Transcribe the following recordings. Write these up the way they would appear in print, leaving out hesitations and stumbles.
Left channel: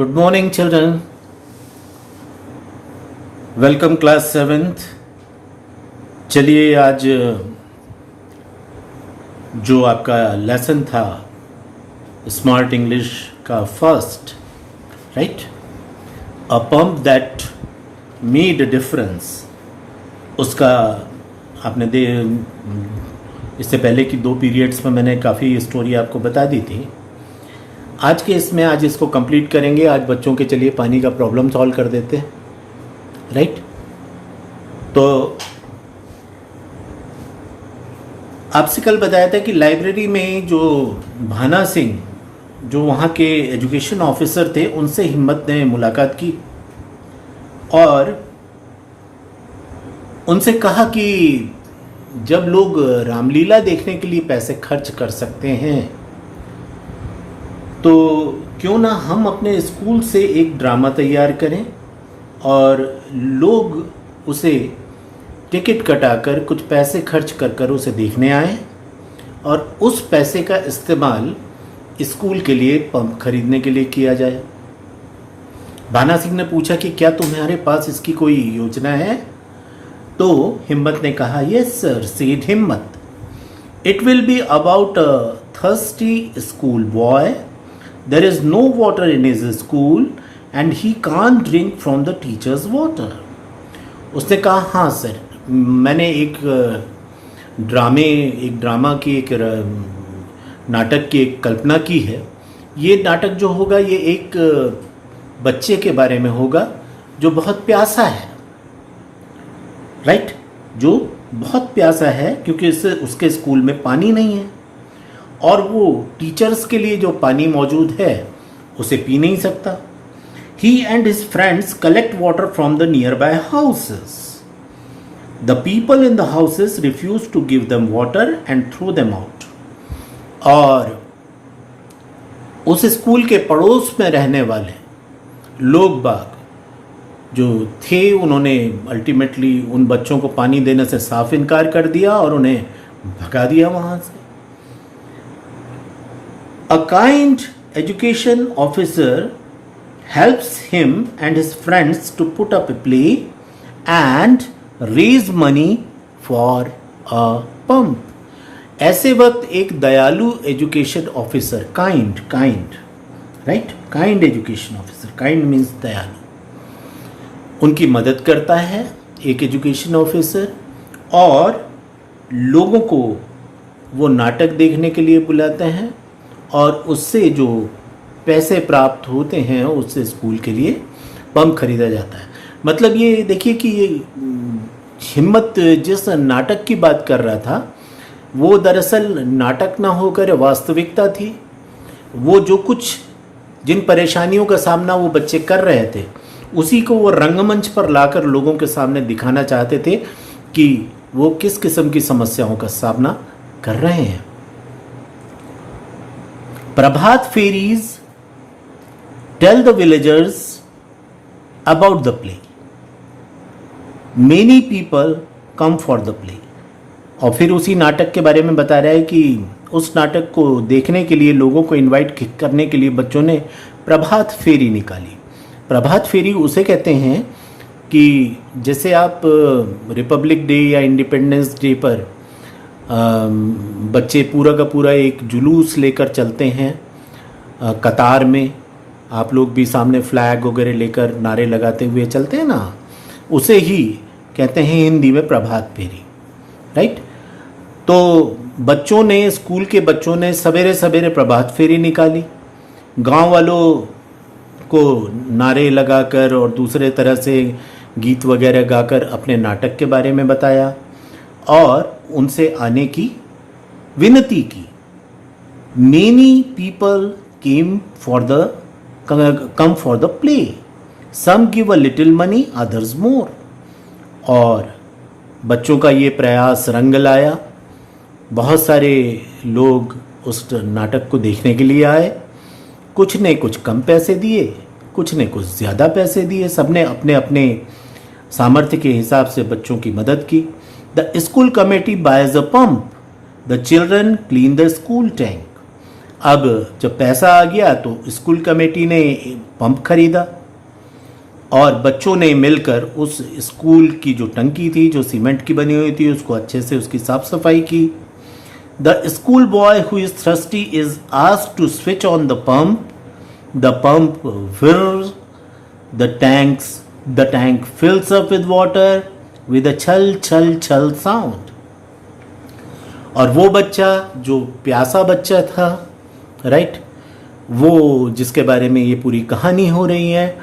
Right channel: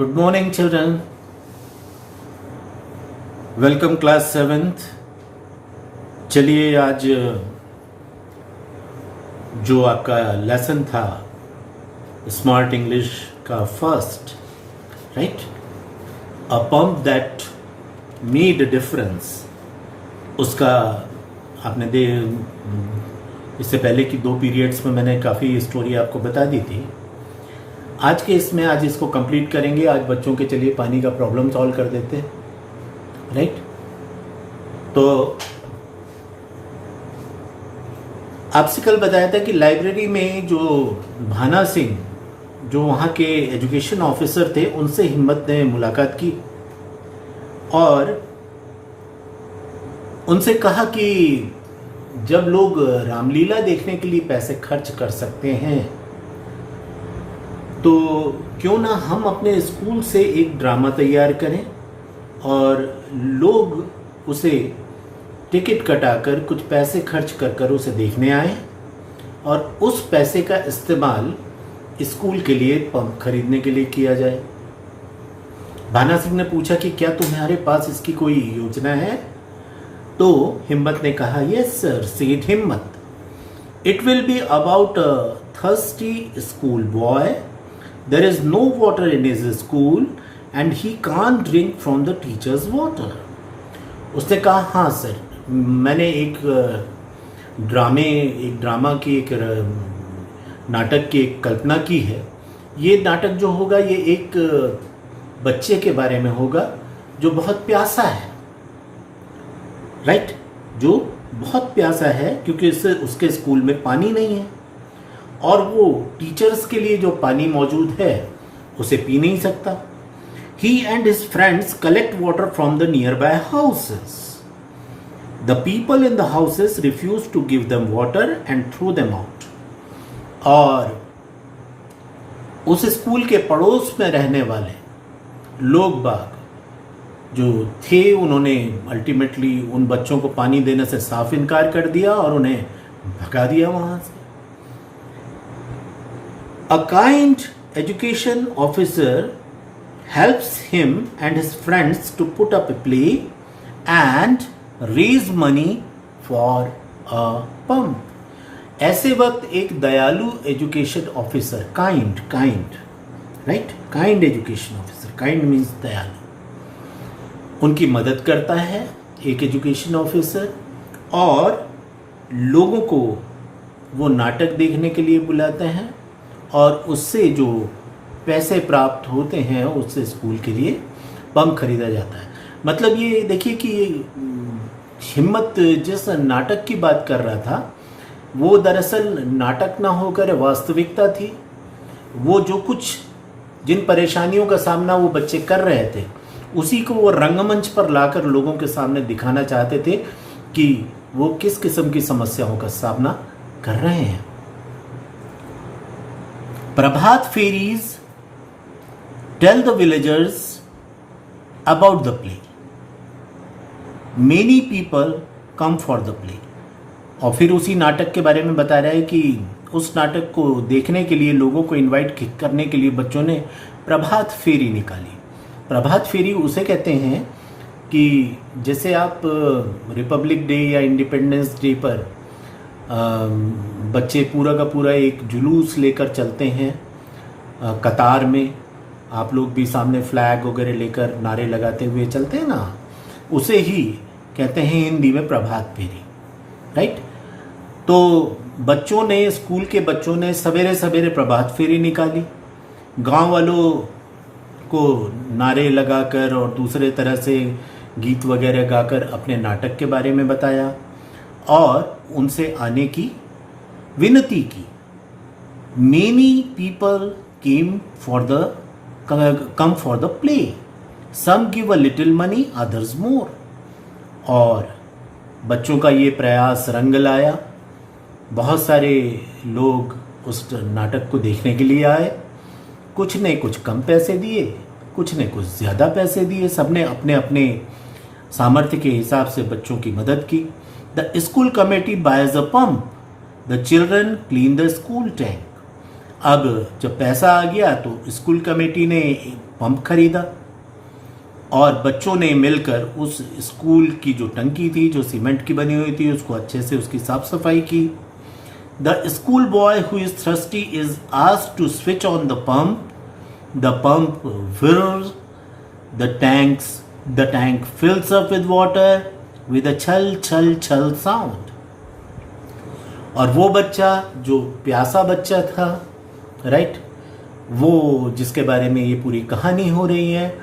Good morning, children. Welcome, class 7th. चलिए आज जो आपका लेसन था स्मार्ट इंग्लिश का first, right, a pump that made a difference, उसका आपने इससे पहले की 2 पीरियड्स में मैंने काफ़ी स्टोरी आपको बता दी थी। आज के इसमें आज इसको कंप्लीट करेंगे। आज बच्चों के चलिए पानी का प्रॉब्लम सॉल्व कर देते हैं, राइट। तो आपसे कल बताया था कि लाइब्रेरी में जो भाना सिंह, जो वहाँ के एजुकेशन ऑफिसर थे, उनसे हिम्मत ने मुलाकात की और उनसे कहा कि जब लोग रामलीला देखने के लिए पैसे खर्च कर सकते हैं तो क्यों ना हम अपने स्कूल से एक ड्रामा तैयार करें और लोग उसे टिकट कटाकर कुछ पैसे खर्च कर उसे देखने आए और उस पैसे का इस्तेमाल स्कूल के लिए पंप खरीदने के लिए किया जाए। भाना सिंह ने पूछा कि क्या तुम्हारे पास इसकी कोई योजना है? तो हिम्मत ने कहा, यस सर, सेड हिम्मत, it will be about a thirsty school boy. There is no water in his school and he can't drink from the teacher's water. उसने कहा, हाँ सर, मैंने एक ड्रामा की एक नाटक की एक कल्पना की है। ये नाटक जो होगा ये एक बच्चे के बारे में होगा जो बहुत प्यासा है, राइट, जो बहुत प्यासा है क्योंकि उसके स्कूल में पानी नहीं है और वो टीचर्स के लिए जो पानी मौजूद है उसे पी नहीं सकता। He and his friends collect water from the nearby houses. The people in the houses refuse to give them water and throw them out. और उस स्कूल के पड़ोस में रहने वाले लोग बाग जो थे, उन्होंने अल्टीमेटली उन बच्चों को पानी देने से साफ इनकार कर दिया और उन्हें भगा दिया वहां से। A kind education officer helps him and his friends to put up a play and raise money for a pump. ऐसे वक्त एक दयालु education officer, kind, right, kind education officer, kind means दयालु, उनकी मदद करता है एक एजुकेशन ऑफिसर और लोगों को वो नाटक देखने के लिए बुलाते हैं और उससे जो पैसे प्राप्त होते हैं उससे स्कूल के लिए पंप खरीदा जाता है। मतलब ये देखिए कि ये हिम्मत जिस नाटक की बात कर रहा था वो दरअसल नाटक ना होकर वास्तविकता थी। वो जो कुछ जिन परेशानियों का सामना वो बच्चे कर रहे थे उसी को वो रंगमंच पर लाकर लोगों के सामने दिखाना चाहते थे कि वो किस किस्म की समस्याओं का सामना कर रहे हैं। Prabhat fairies tell the villagers about the play. Many people come for the play. और फिर उसी नाटक के बारे में बता रहा है कि उस नाटक को देखने के लिए लोगों को इनवाइट करने के लिए बच्चों ने प्रभात फेरी निकाली। प्रभात फेरी उसे कहते हैं कि जैसे आप रिपब्लिक डे या इंडिपेंडेंस डे पर बच्चे पूरा का पूरा एक जुलूस लेकर चलते हैं कतार में, आप लोग भी सामने फ्लैग वगैरह लेकर नारे लगाते हुए चलते हैं ना, उसे ही कहते हैं हिंदी में प्रभात फेरी, राइट। तो बच्चों ने, स्कूल के बच्चों ने सवेरे सवेरे प्रभात फेरी निकाली, गांव वालों को नारे लगाकर और दूसरे तरह से गीत वगैरह गाकर अपने नाटक के बारे में बताया और उनसे आने की विनती की। Many people came come for the play. Some give a little money, others more. और बच्चों का ये प्रयास रंग लाया। बहुत सारे लोग उस नाटक को देखने के लिए आए। कुछ ने कुछ कम पैसे दिए, कुछ ने कुछ ज़्यादा पैसे दिए। सबने अपने अपने सामर्थ्य के हिसाब से बच्चों की मदद की। The school committee buys a pump. The children clean the school tank. अब जब पैसा आ गया तो स्कूल कमेटी ने पंप खरीदा और बच्चों ने मिलकर उस स्कूल की जो टंकी थी जो सीमेंट की बनी हुई थी उसको अच्छे से उसकी साफ सफाई की. The school boy who is thirsty is asked to switch on the pump. The pump whirs. The tank fills up with water with a chal chal chal sound. और वो बच्चा जो प्यासा बच्चा था, राइट, वो जिसके बारे में ये पूरी कहानी हो रही है,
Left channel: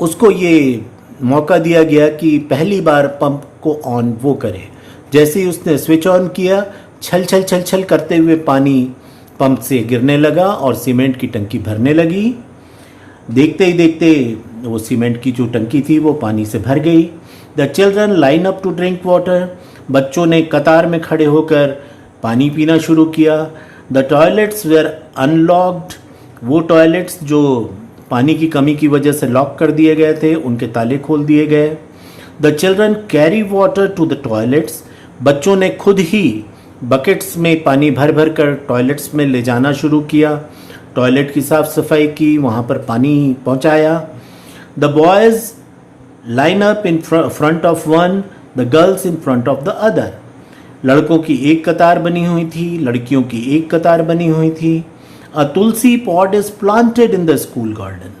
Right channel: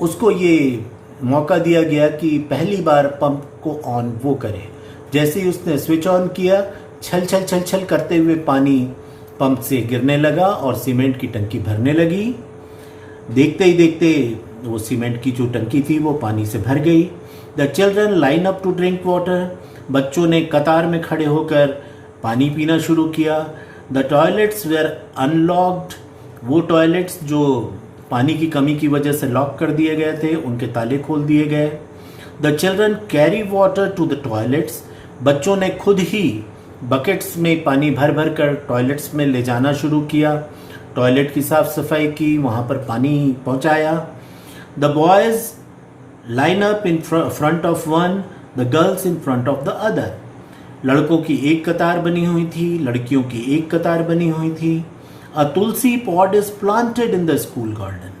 उसको ये मौका दिया गया कि पहली बार पंप को ऑन वो करे. जैसे ही उसने स्विच ऑन किया, छल छल छल छल करते हुए पानी पंप से गिरने लगा और सीमेंट की टंकी भरने लगी. देखते ही देखते वो सीमेंट की जो टंकी थी वो पानी से भर गई. The children line up to drink water. बच्चों ने कतार में खड़े होकर पानी पीना शुरू किया. The toilets were unlocked. वो टॉयलेट्स जो पानी की कमी की वजह से लॉक कर दिए गए थे उनके ताले खोल दिए गए. The children carry water to the toilets. बच्चों ने खुद ही बकेट्स में पानी भर भर कर टॉयलेट्स में ले जाना शुरू किया. टॉयलेट की साफ सफाई की, वहाँ पर पानी पहुँचाया. The boys line up in front of one, the girls in front of the other. लड़कों की एक कतार बनी हुई थी, लड़कियों की एक कतार बनी हुई थी. A tulsi pot is planted in the school garden.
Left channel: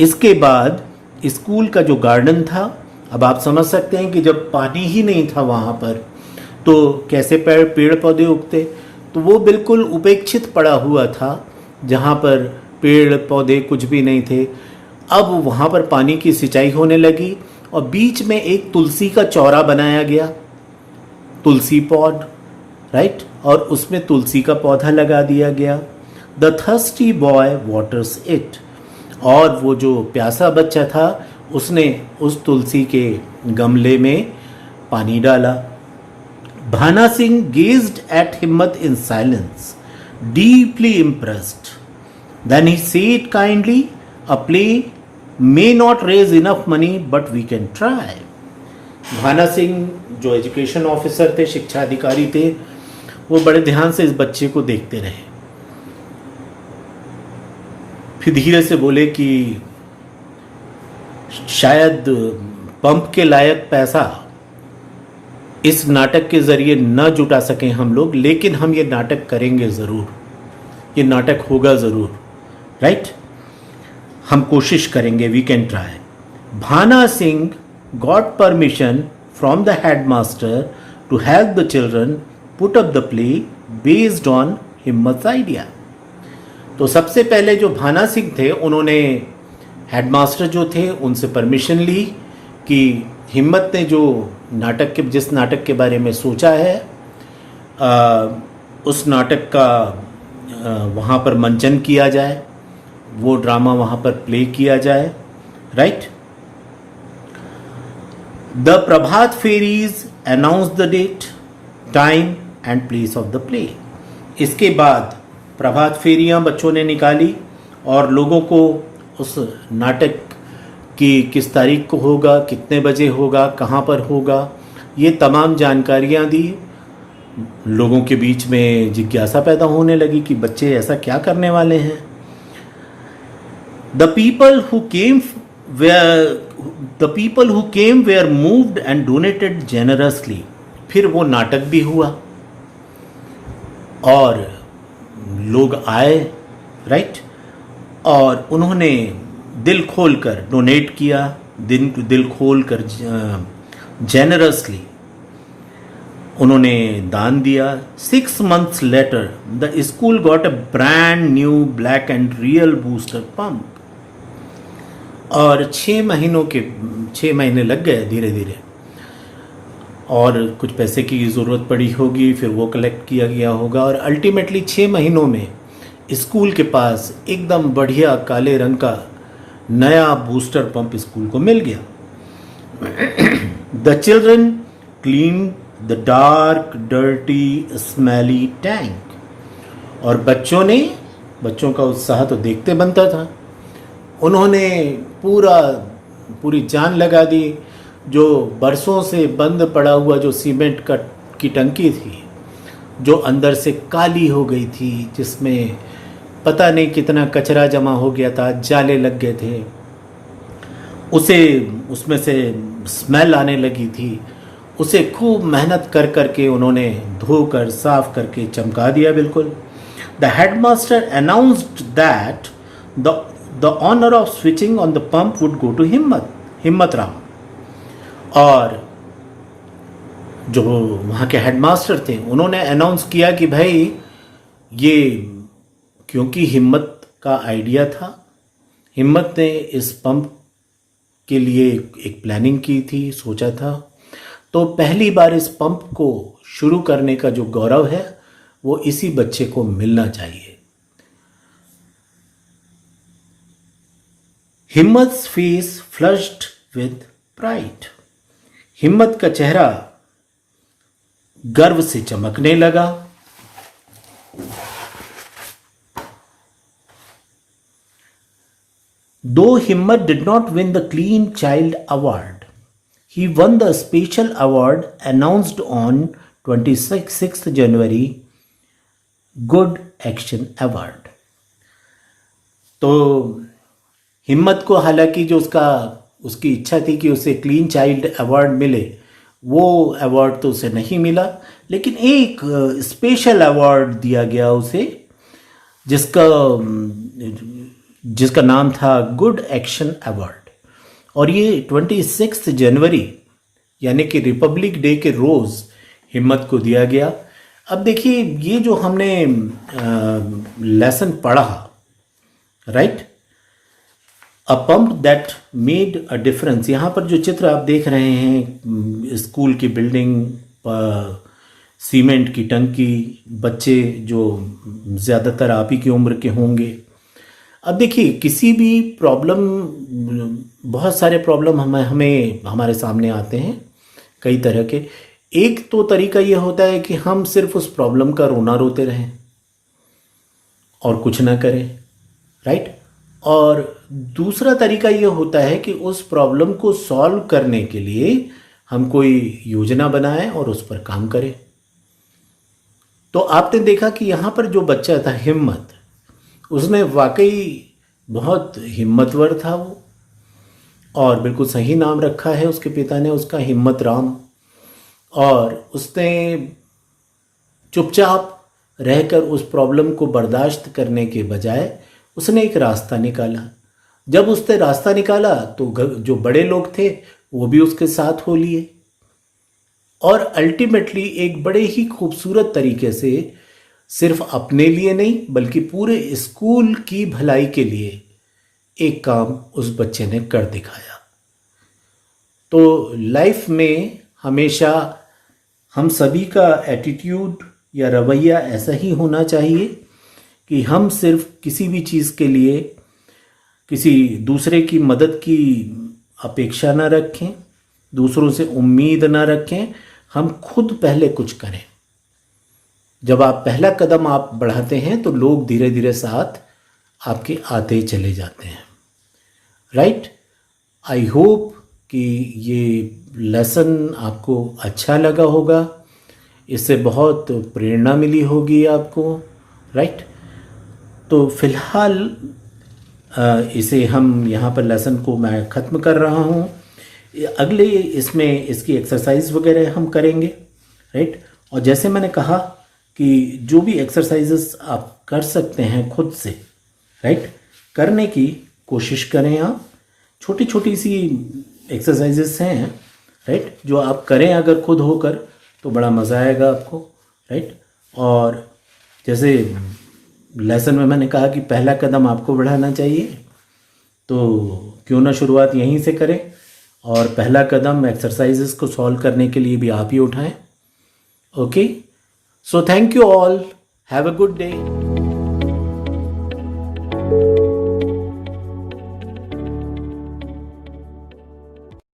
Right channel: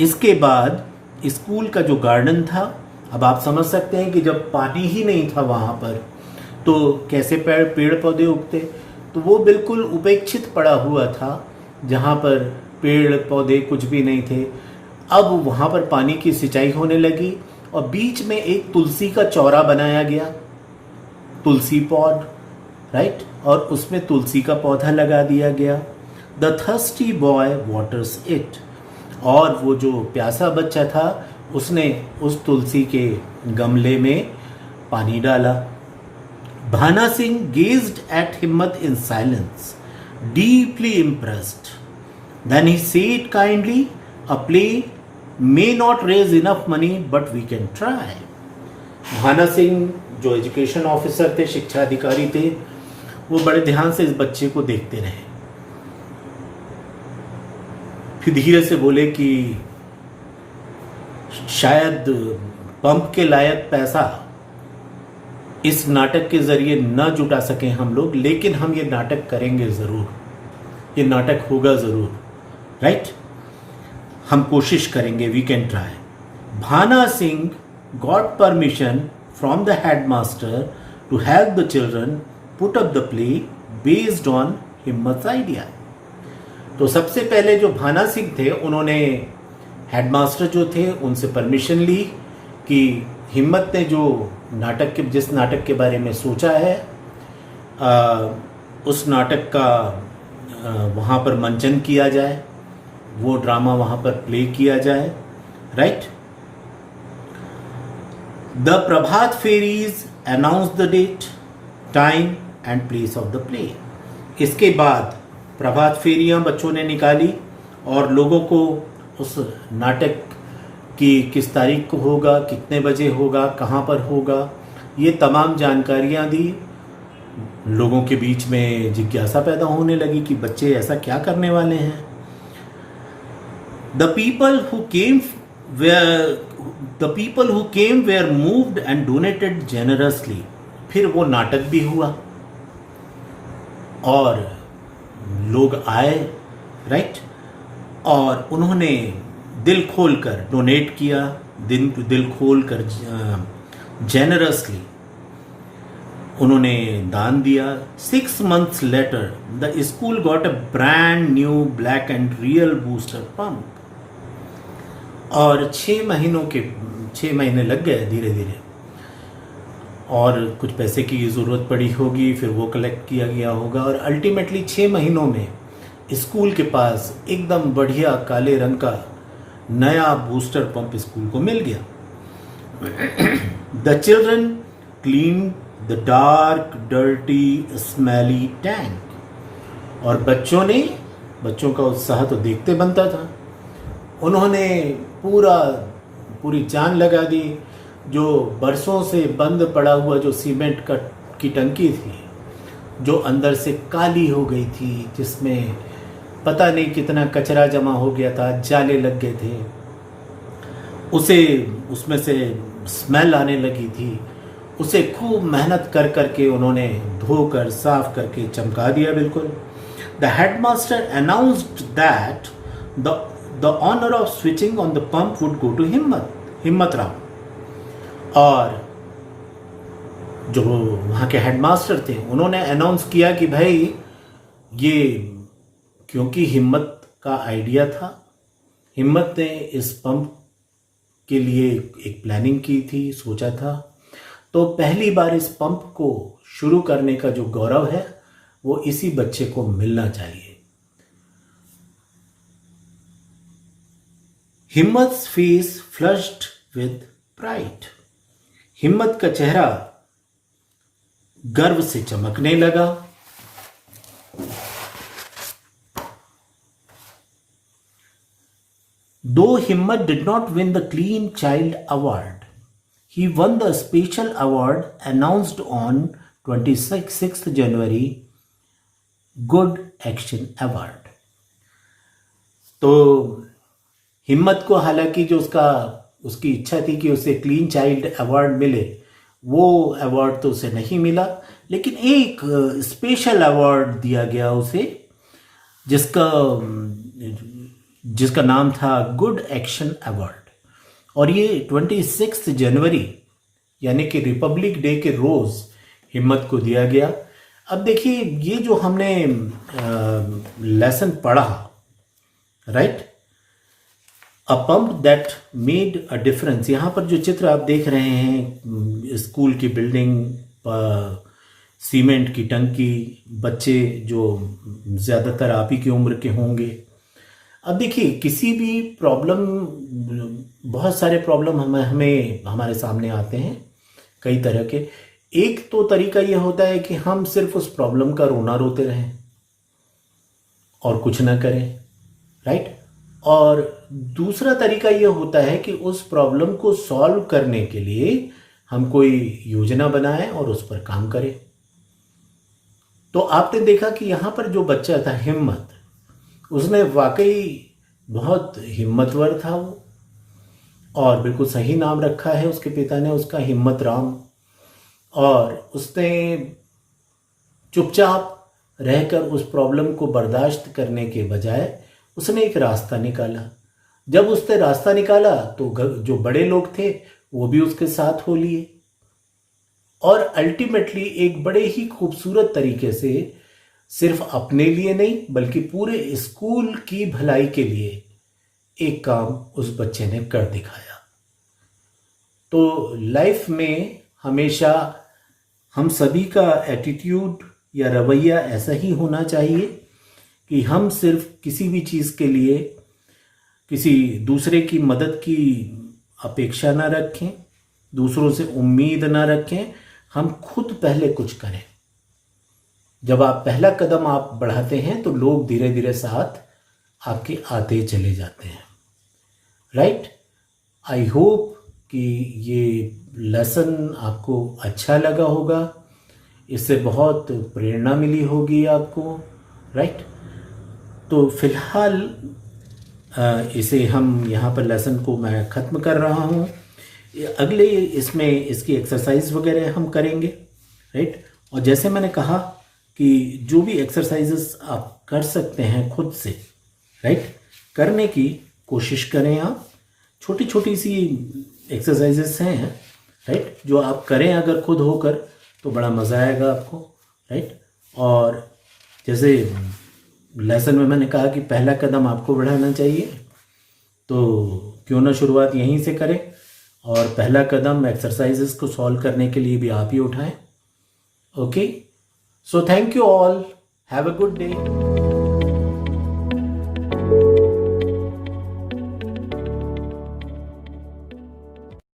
इसके बाद स्कूल का जो गार्डन था, अब आप समझ सकते हैं कि जब पानी ही नहीं था वहाँ पर तो कैसे पेड़ पौधे उगते. तो वो बिल्कुल उपेक्षित पड़ा हुआ था जहाँ पर पेड़ पौधे कुछ भी नहीं थे. अब वहाँ पर पानी की सिंचाई होने लगी और बीच में एक तुलसी का चौरा बनाया गया, तुलसी पॉट, राइट, और उसमें तुलसी का पौधा लगा दिया गया. The thirsty boy waters it. और वो जो प्यासा बच्चा था उसने उस तुलसी के गमले में पानी डाला. भाना सिंह गेज्ड एट हिम्मत in silence, deeply impressed. Then he said kindly, a play may not raise enough money, but we can try. Bhana Singh जो एजुकेशन ऑफिसर थे, शिक्षा अधिकारी थे, वो बड़े ध्यान से इस बच्चे को देखते रहे. फिर धीरे से बोले कि शायद पंप के लायक पैसा इस नाटक के जरिए न जुटा सकें हम लोग, लेकिन हम ये नाटक करेंगे ज़रूर, ये नाटक होगा ज़रूर, राइट, हम कोशिश करेंगे, we can try. Bhana Singh got permission from the headmaster to help the children put up the play based on Himmat idea. तो सबसे पहले जो भाना सिंह थे उन्होंने हेडमास्टर जो थे उनसे परमिशन ली कि हिम्मत ने जो जिस नाटक के बारे में सोचा है उस नाटक का वहाँ पर मंचन किया जाए, वो ड्रामा वहाँ पर प्ले किया जाए, right. The Prabhat pheris announce the date, time and place of the play. इसके बाद प्रभात फेरियाँ बच्चों ने निकाली और लोगों को उस नाटक कि किस तारीख को होगा, कितने बजे होगा, कहाँ पर होगा, ये तमाम जानकारियाँ दी. लोगों के बीच में जिज्ञासा पैदा होने लगी कि बच्चे ऐसा क्या करने वाले हैं. The people who came were moved and donated generously. फिर वो नाटक भी हुआ और लोग आए, राइट, और उन्होंने दिल खोल कर डोनेट किया, दिल खोल कर जेनरसली उन्होंने दान दिया. 6 months later the school got a brand new black and real booster pump. और 6 महीने लग गए धीरे धीरे, और कुछ पैसे की ज़रूरत पड़ी होगी, फिर वो कलेक्ट किया गया होगा और अल्टीमेटली 6 महीनों में स्कूल के पास एकदम बढ़िया काले रंग का नया बूस्टर पंप स्कूल को मिल गया. The children clean the dark dirty smelly tank. और बच्चों का उत्साह तो देखते बनता था. उन्होंने पूरी जान लगा दी. जो बरसों से बंद पड़ा हुआ जो सीमेंट की टंकी थी, जो अंदर से काली हो गई थी, जिसमें पता नहीं कितना कचरा जमा हो गया था, जाले लग गए थे, उसे उसमें से स्मेल आने लगी थी। उसे खूब मेहनत कर करके उन्होंने धोकर साफ करके चमका दिया बिल्कुल। The headmaster announced that the the honour of switching on the pump would go to Himmat Ram. और जो वहाँ के हेडमास्टर थे उन्होंने अनाउंस किया कि भाई ये, क्योंकि हिम्मत का आइडिया था, हिम्मत ने इस पंप के लिए एक प्लानिंग की थी, सोचा था, तो पहली बार इस पंप को शुरू करने का जो गौरव है वो इसी बच्चे को मिलना चाहिए। हिम्मत फेस फ्लश्ड विद प्राइड। हिम्मत का चेहरा गर्व से चमकने लगा। Though Himmat did not win the Clean Child Award, he won the special award announced on 26th January, Good Action Award. तो हिम्मत को हालांकि जो उसकी इच्छा थी कि उसे क्लीन चाइल्ड अवार्ड मिले, वो अवार्ड तो उसे नहीं मिला, लेकिन एक स्पेशल अवार्ड दिया गया उसे, जिसका नाम था गुड एक्शन अवार्ड। और ये 26 जनवरी यानी कि रिपब्लिक डे के रोज़ हिम्मत को दिया गया। अब देखिए, ये जो हमने लेसन पढ़ा, right, a pump that made a difference. यहाँ पर जो चित्र आप देख रहे हैं, स्कूल की बिल्डिंग, सीमेंट की टंकी, बच्चे जो ज़्यादातर आप ही की उम्र के होंगे। अब देखिए, किसी भी प्रॉब्लम, बहुत सारे प्रॉब्लम हमें हमारे सामने आते हैं कई तरह के। एक तो तरीका ये होता है कि हम सिर्फ उस प्रॉब्लम का रोना रोते रहें और कुछ ना करें, राइट। और दूसरा तरीका ये होता है कि उस प्रॉब्लम को सॉल्व करने के लिए हम कोई योजना बनाएं और उस पर काम करें। तो आपने देखा कि यहाँ पर जो बच्चा था हिम्मत, उसने वाकई बहुत हिम्मतवर था वो, और बिल्कुल सही नाम रखा है उसके पिता ने उसका, हिम्मत राम। और उसने चुपचाप रहकर उस प्रॉब्लम को बर्दाश्त करने के बजाय उसने एक रास्ता निकाला। जब उसने रास्ता निकाला तो जो बड़े लोग थे वो भी उसके साथ हो लिए, और अल्टीमेटली एक बड़े ही खूबसूरत तरीके से सिर्फ अपने लिए नहीं बल्कि पूरे स्कूल की भलाई के लिए एक काम उस बच्चे ने कर दिखाया। तो लाइफ में हमेशा हम सभी का एटीट्यूड या रवैया ऐसा ही होना चाहिए कि हम सिर्फ किसी भी चीज़ के लिए किसी दूसरे की मदद की अपेक्षा ना रखें, दूसरों से उम्मीद ना रखें, हम खुद पहले कुछ करें। जब आप पहला कदम आप बढ़ाते हैं तो लोग धीरे धीरे साथ आपके आते चले जाते हैं, राइट। आई होप कि ये लेसन आपको अच्छा लगा होगा, इससे बहुत प्रेरणा मिली होगी आपको, राइट। तो फिलहाल इसे हम यहाँ पर लेसन को मैं ख़त्म कर रहा हूँ। अगले इसमें इसकी एक्सरसाइज वगैरह हम करेंगे, राइट। और जैसे मैंने कहा कि जो भी एक्सरसाइजेस आप कर सकते हैं खुद से, राइट, करने की कोशिश करें आप। छोटी छोटी सी एक्सरसाइजेस हैं, राइट, जो आप करें अगर खुद होकर तो बड़ा मज़ा आएगा आपको, राइट। और जैसे लेसन में मैंने कहा कि पहला कदम आपको बढ़ाना चाहिए, तो क्यों ना शुरुआत यहीं से करें और पहला कदम एक्सरसाइजेस को सॉल्व करने के लिए भी आप ही उठाएं। Okay, so thank you all, have a good day.